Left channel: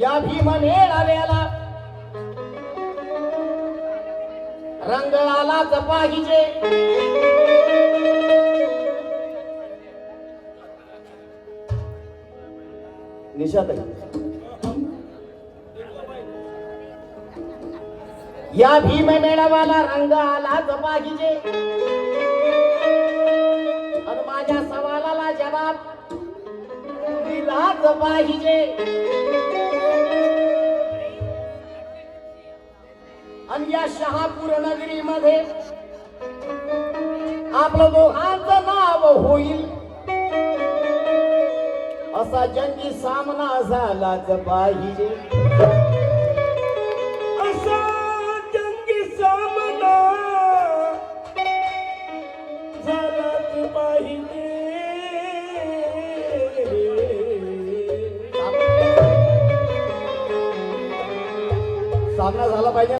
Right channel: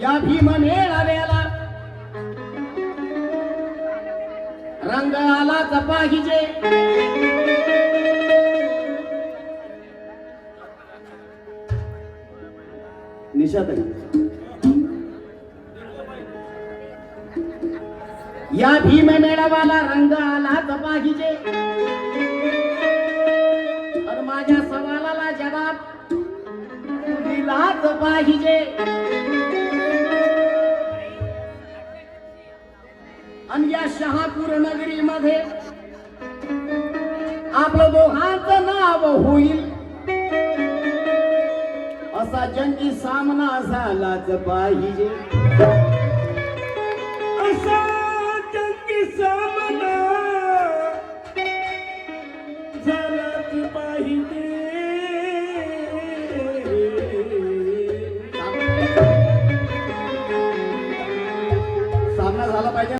या भीम मेळाव्याला रंग आलाच पाहिजे. निशाताई, या भीम मेळाव्याला रंग आलाच पाहिजे. आणि माझ्या सवालाला जवाब दिलाच पाहिजे. आणि या शहापूर नगरीमध्ये आपलं दोघांचं नाव होईल असा जंगी सामना झालाच पाहिजे. असा जंगी सामना झालाच पाहिजे.